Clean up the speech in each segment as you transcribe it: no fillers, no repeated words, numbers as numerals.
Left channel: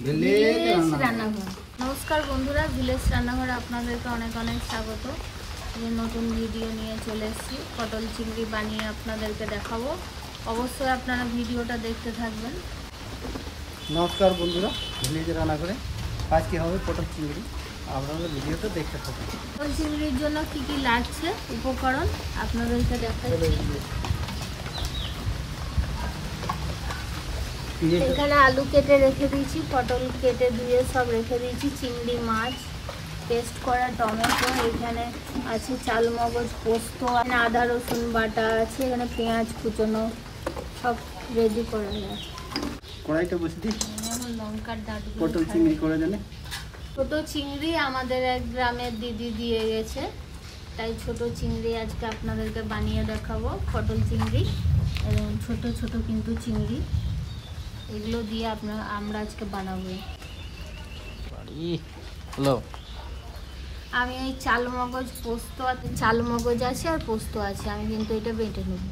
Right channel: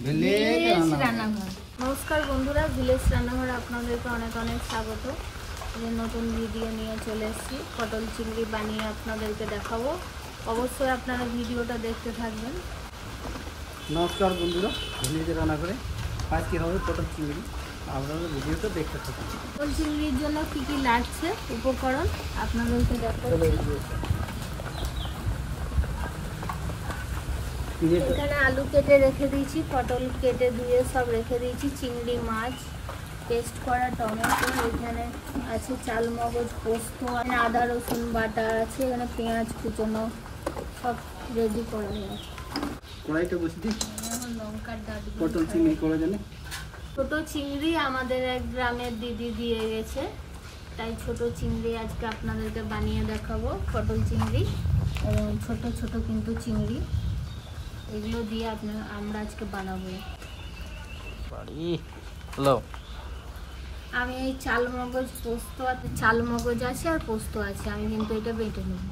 नमस्कार बंधुरा ভিলেজ রান্নাঘরে আপনাদেরকে অনেক অনেক স্বাগত। নতুন ভিডিও নিয়ে চলে এসেছি, পটল চিংড়ি বানিয়ে আপনাদেরকে দেখাবো। অবশ্যই আপনারা ভিডিওটা দেখতে থাকবেন। নমস্কার বন্ধুরা, ভিলেজ রান্নাঘরে আজ কি হবে পটল চিংড়ি, আপনারা ভিডিওটা দেখতে থাকুন। পটল চিংড়ির জন্য কি কি লাগছে উপকরণ আপনাদেরকে দেখাচ্ছি। এখানে আলু কেটে রেখে দিয়েছি, পটল কেটে ধুয়ে সব রেখে দিয়েছি, চিংড়ি মাছ, পেস্ট করা টমেটো, এখানে আছে চাল মগজ পোস্ত, আদা রসুন বাটা আছে, এখানে পেঁয়াজ কুচনো সব রেডি করে নিয়েছি। কড়াইটা বসে দিই, লঙ্কার দাঁত পটল চিংড়ি করে জানে। ছোট চিংড়ি আমাদের এক গ্রামের দিদি দিয়ে গেছে, তাই ছোট চিংড়ি আজকে আপনাদেরকে বানিয়ে দেখাবো। পটল চিংড়ি ছোট ছোট কিন্তু চিংড়ি, এগুলো দিয়ে আমরা আজকে বানাবো। আমি এই চাল মগজ পোস্ত আছে, চাল মগজ আছে আর পোস্ত আছে, আমি কিন্তু এটা বেটে নেব।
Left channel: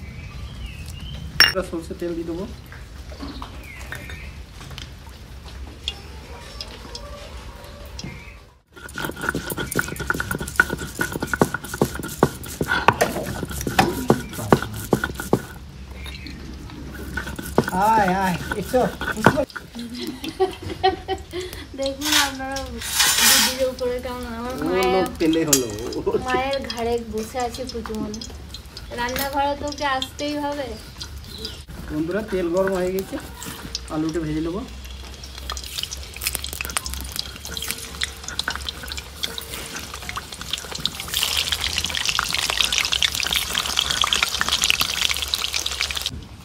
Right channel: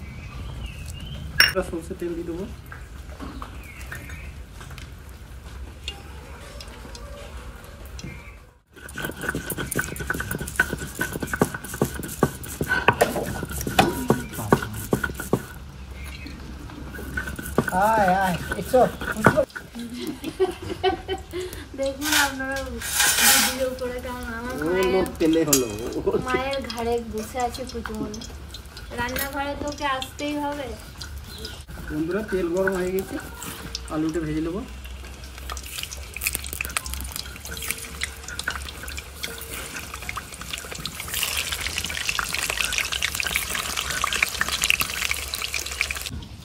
সরষের তেল দিয়ে দেবো। দেখুন আপনারা ভিডিও করে কেমন, আমার মায়ের ঘাড়ে বসে আছে কুচুমনি, রান্নাঘরে তোকে আসতেই হবে। বন্ধুরা তেল গরম হয়ে গেছে, আলুটা ভেজে নেবো।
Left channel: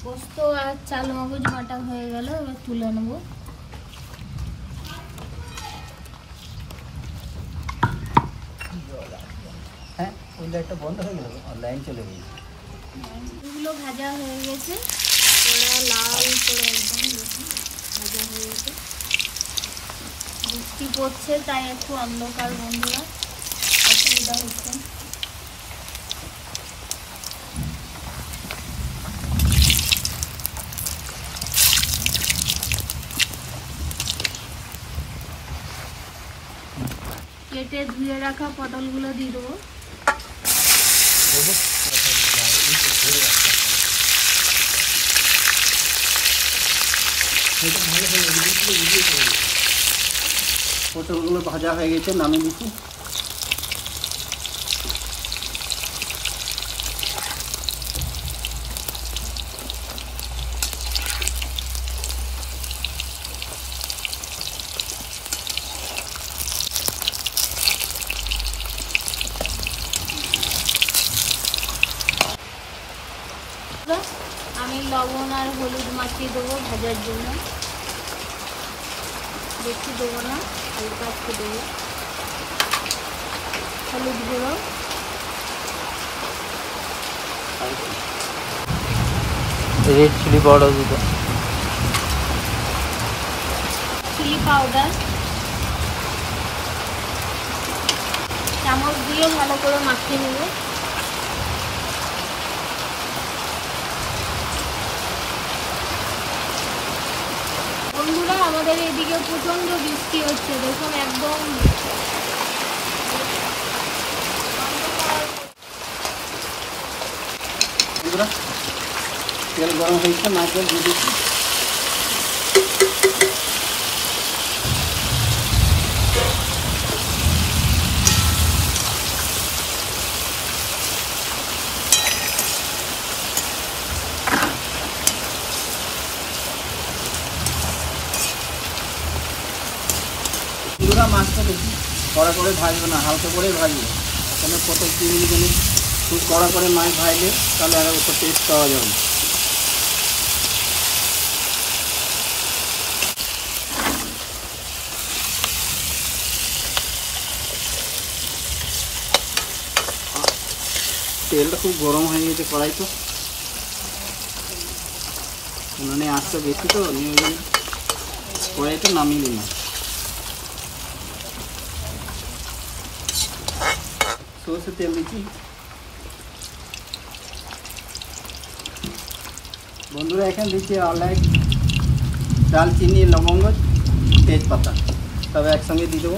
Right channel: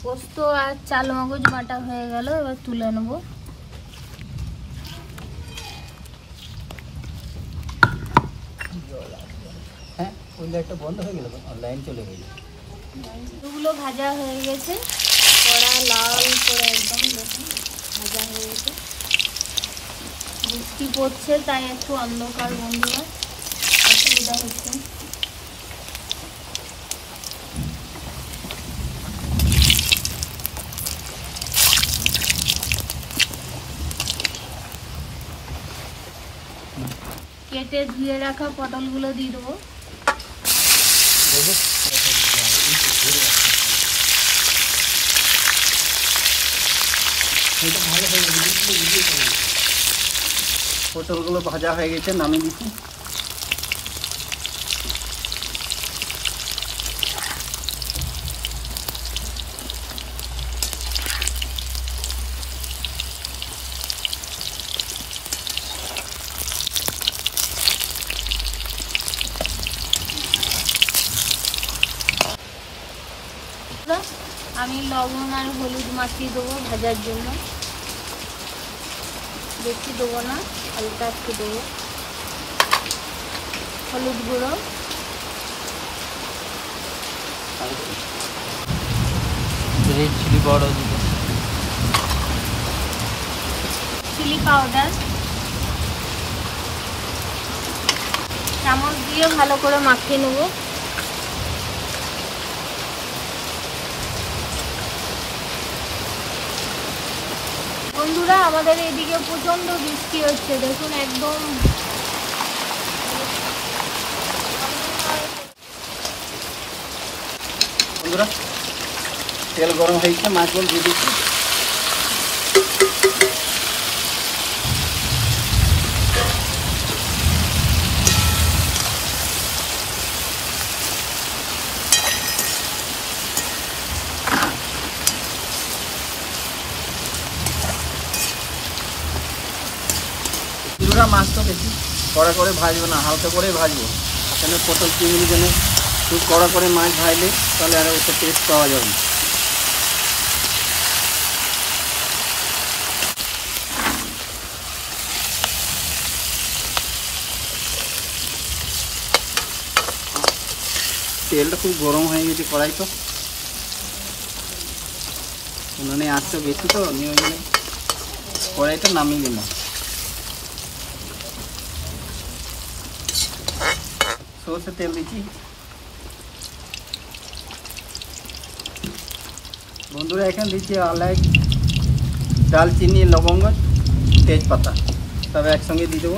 পোস্ত আর চাল মগজ বাটা হয়ে গেল, এবার তুলে নেব। হ্যাঁ, ওই লাইটটা বন্ধ হয়ে গেল, লাইন চলে গেল। এগুলো ভাজা হয়ে গেছে, কড়া লাল করে একদম দেখুন ভাজা হয়ে গেছে। বৃষ্টি পড়ছে তাই একটু অন্ধকার বন্ধুরা, অসুবিধা হচ্ছে। কেটে ধুয়ে রাখা পটলগুলো দিয়ে দেবো। পটলগুলো ভাজা হয়ে গেছে, নামিয়ে দিচ্ছি। আমি লবণ আর হলুদ মাখিয়ে দেবো ভাজার জন্য, বেশি দেবো না, হালকা একটু দেবো। হলুদ গুঁড়ো, রেড চিলি পাউডার দিতে, চিলি পাউডার চামচ দিয়ে ভালো করে মাখিয়ে নেবো। বন্ধুরা আমাদের এদিকে প্রচন্ড বৃষ্টি হচ্ছে, দেখুন একদম তেল গরম হয়েছে, মাছগুলো দিয়ে দিচ্ছি। মাছটা দেখি কড়া করে ভাজবো না, হালকা করে ভাজবো। আসলে পটল চিংড়ি জন্য খুব কড়া করে মাছ ভাজলে তাহলে আর একটা টেস্ট পাওয়া যাবে। তেলটা খুব গরম হয়ে গেছে, কড়াই তো উনানে আঁচটা বেশি, তো আমি ওই জন্য কড়াইটা নামিয়ে নিলাম। সরষের তেল দিচ্ছি। বন্ধুরা এখানে দিচ্ছি আলাই, দালচিনি, লবঙ্গ, তেজপাতা। তেজপাতা তবে একসঙ্গে দিয়ে দেবো।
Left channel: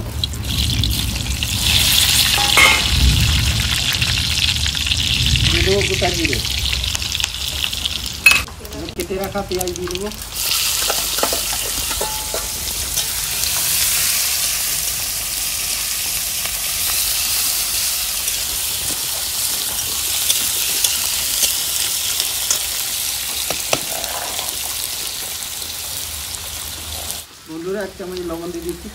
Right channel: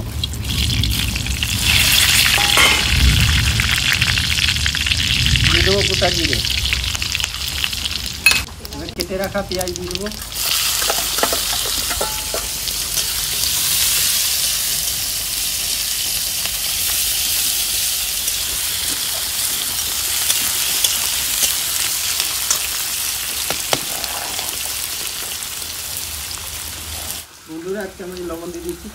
দিয়ে দেবো গোটা জিরে, কেটে রাখা পেঁয়াজ দিয়ে দেবো। বন্ধুরা 1 চামচ লবণ দিয়ে দিচ্ছি।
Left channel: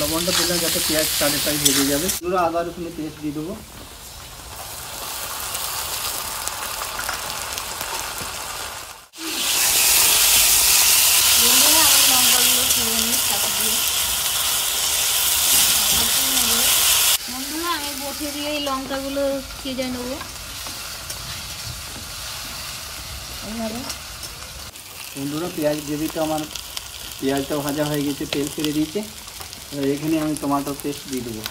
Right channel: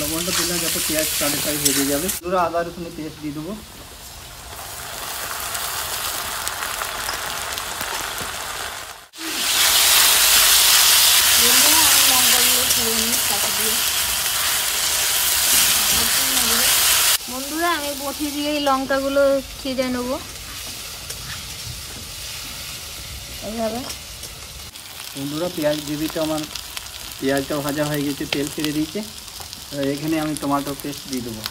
লবণটা দিলাম যাতে পেঁয়াজ তাড়াতাড়ি ভেজে যাবে। বন্ধুরা আদা রসুনের পেস্ট দিয়ে দেবো। বন্ধুরা আমি বটি দিয়ে লঙ্কাগুলো ছিঁড়ে নেবো এইভাবে। বন্ধুরা পেঁয়াজ গ্রেভিটা আমার পেঁয়াজটা ভাজা হয়ে গেছে, তেল ছেড়ে দিয়েছে। এখানে আমি টমেটো পেস্ট দিয়ে দেবো।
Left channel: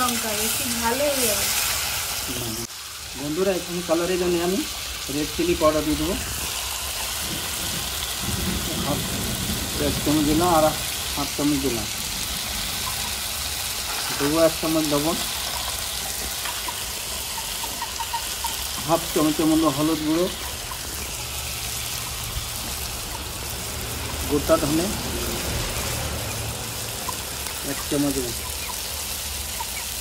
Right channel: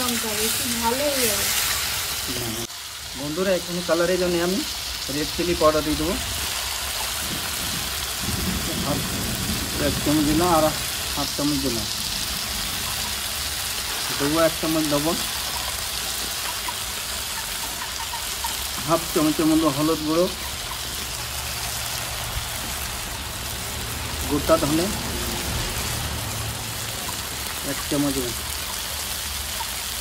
লঙ্কা বেশি ভালো হয়ে যাবে। বন্ধুরা এখানে কালারের জন্য আমি রেড চিলি পাউডার দিয়ে দেবো। 1 চামচ দিলাম আর 1/2 চামচ দিলাম। দেবো 1 চামচ লবণ, 1/2 চামচের মতো হলুদ গুঁড়ো, গোটা ধনে 1 চামচ,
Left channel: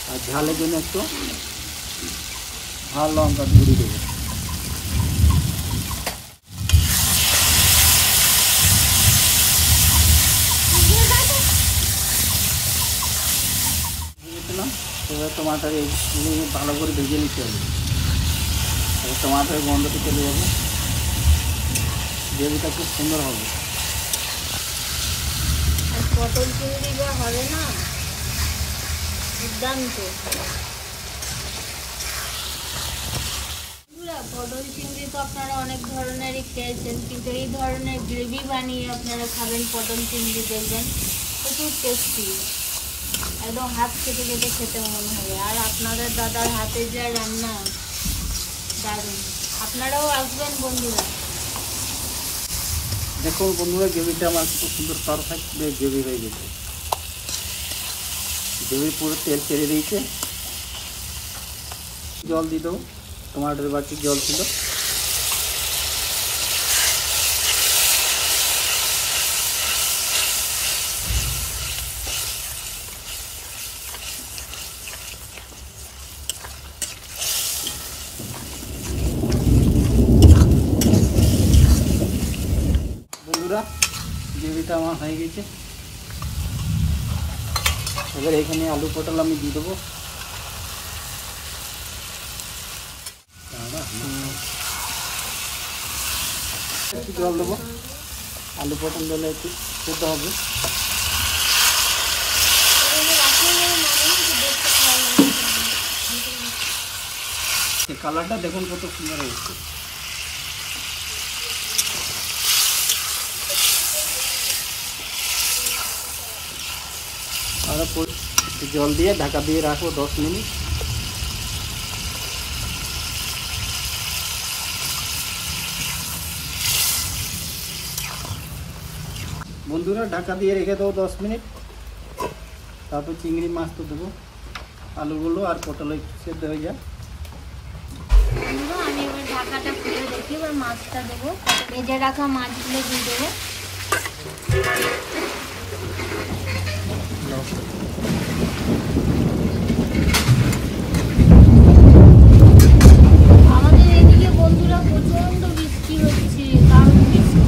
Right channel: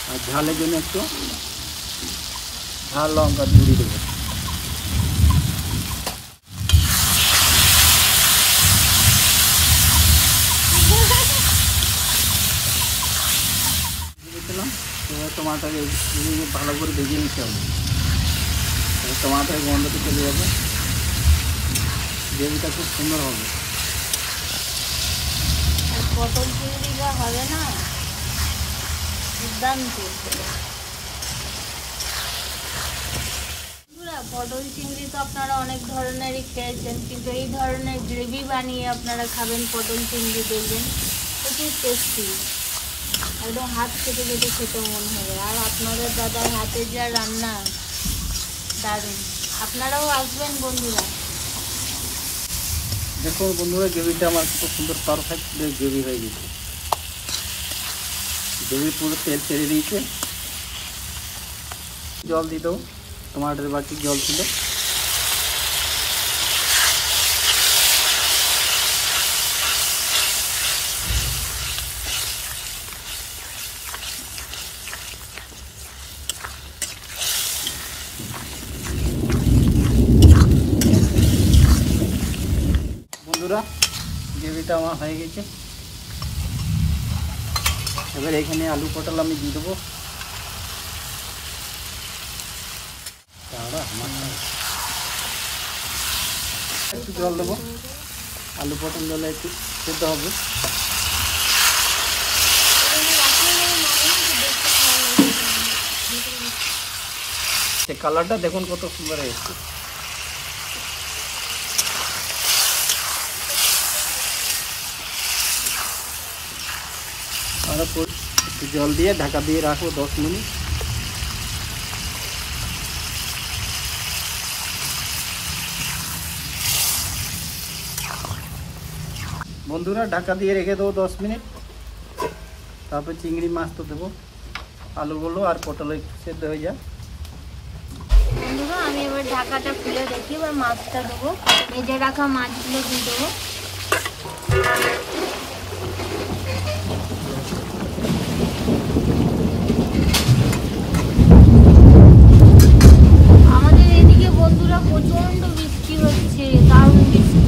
আর ঝালের জন্য একটু ঝাল লঙ্কা গুঁড়ি দেবো। টমাটার ভালো করে ভেজে নিতে হবে, টমাটার গন্ধটা চলে যাবে, গ্রেভিটা খুব সুন্দর হবে। আর পটল চিংড়ি যা হবে না দুর্দান্ত। পটল চিংড়ি তো আপনারা অনেক ধরনেরই খেয়েছেন, কিন্তু এই ধরনের গ্রেভি বানিয়ে আপনারা খাবেন পটল চিংড়ি, দেখবেন প্রচুর টেস্টি, একদম হাত কেটে কেটে খেতে মন হবে। আর আপনাদের দাদার হাতের যা রান্না দারুণ, আপনারাও আসবেন বন্ধুরা। দেখো বন্ধুরা গ্রেভিটা আমার খুব সুন্দর পারফেক্ট গ্রেভি হয়ে গেছে। গ্রেভি পুরো তেল ছেড়ে দিয়েছে। জল দিয়ে দাও, টমাটোর বাটি জল ছিল। বন্ধুরা গ্রেভিটা আমার হয়ে গেছে। এবার এখানে আলু পটল আমি দিয়ে দেবো। একটু জল দেবো, আলু পটল জলে একটু ফুটতে হবে। সে কালারটা দেখুন কত সুন্দর হয়েছে। জল দিয়ে ঢাকা দিয়ে রাখবো 10 মিনিট। বন্ধুরা ঢাকা দিয়ে রেখে দেবো 10 মিনিট। তারপরে চিংড়ি মাছ তো দেবো, আলুগুলো আর পটলে সেদ্ধ হয়ে যায়। বন্ধুরা আমি এবার ঢাকাটা খুলে রেখে এবার মাছটা দেবো, ভেজে রাখা মাছগুলো দিয়ে দেবো। আমাদের এদিকে বন্ধুরা প্রচন্ড বৃষ্টি হচ্ছে, দারুণ বৃষ্টি।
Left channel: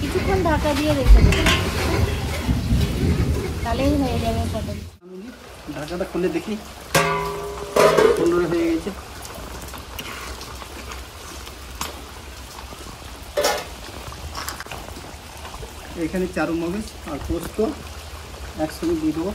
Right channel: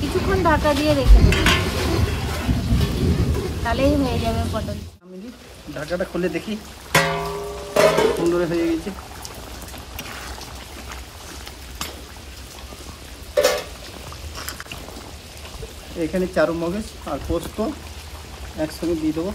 কিছুক্ষণ ঢাকা দিয়ে রেখে দেবো, তাহলেই হয়ে যাবে পটল। ঢাকাটা খুলে দেখি, সুন্দর হয়ে গেছে। এখানে চারু মগজ আর পোস্ত একসঙ্গে দিয়ে দেবো।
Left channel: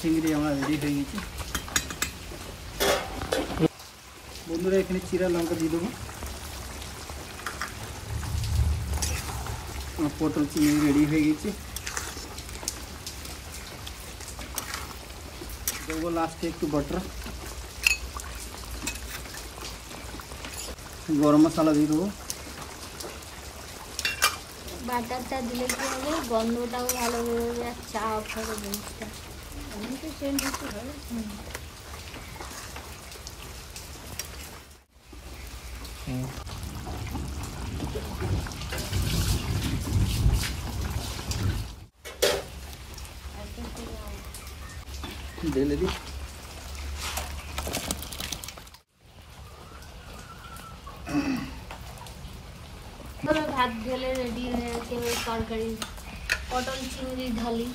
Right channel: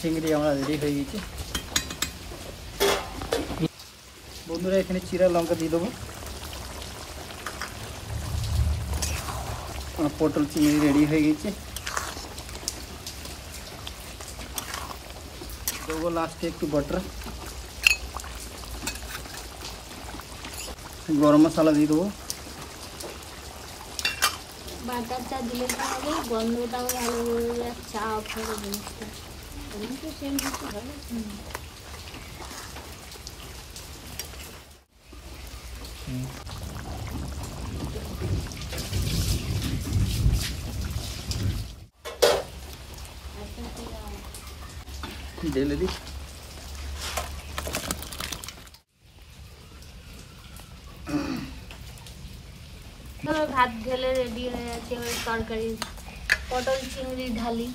চিংড়ি আমরা রেডি হয়ে গেছে। বন্ধুরা এখানে চিরা লঙ্কা দিয়ে দেবো। পটল চিংড়ি রেডি হয়ে গেছে। দেবো লাস্টে একটু বাটার, গরম মশলা দিয়ে দেবো। বাটারটা দিলে কি হবে, গন্ধটাও ভালো বেরোবে আর চাপ হবে জিনিসটা। আমি তো সেম কিছু হবে। ঢেলে দিই। ভাত ঢেলে রেডি হয়ে আছে। ওই তরকারি পটল চিংড়ি ঢালি।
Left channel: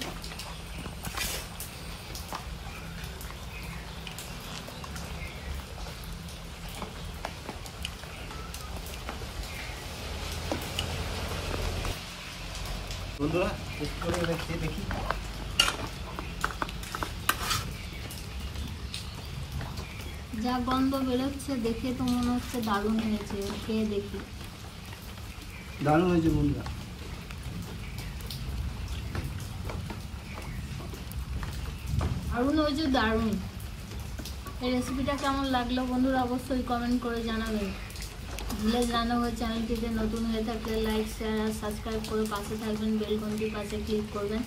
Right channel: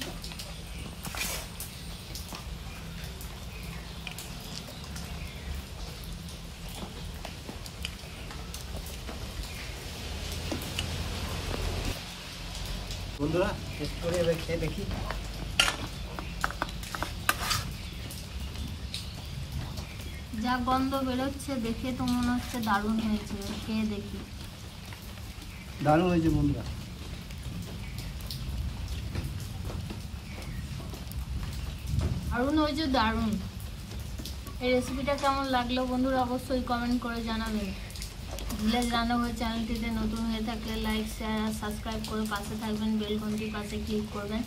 বন্ধুরা টেস্ট করে দেখি। যা গন্ধ বেরোচ্ছে দেখে তো মনে হচ্ছে দারুণ হয়েছে। খেয়ে দেখি। দারুণ হয়েছে বন্ধুরা। দারুণ হয়েছে, দারুণ। এই রেসিপিটা কেমন লাগলো বন্ধুরা অবশ্যই কমেন্ট করে জানাবেন। ভিলেজ রান্নাঘর চ্যানেলটিতে নতুন হয়ে থাকলে লাইক, শেয়ার আর সাবস্ক্রাইব করে পাশে থাকবেন। বেল ঘন্টির পাশে ক্লিক করবেন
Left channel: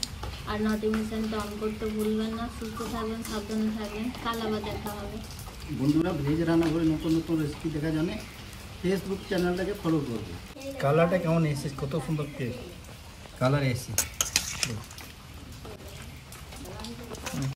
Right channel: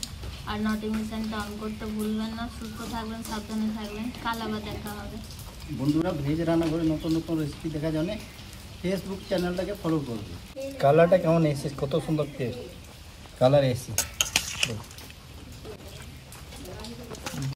আর নোটিফিকেশনটা অন করতে ভুলবেন না। সুস্থ থাকবেন, সাবধানে থাকবেন। কাল আবার দেখা হবে বন্ধুরা। ভেজ রান্নাঘরে নতুন নতুন রেসিপি দেখার জন্য ফেসবুক চ্যানেলটাকে ফলো করবে। কালারটা কেমন এসেছে, কত সুন্দর টেস্ট কালার এসেছে।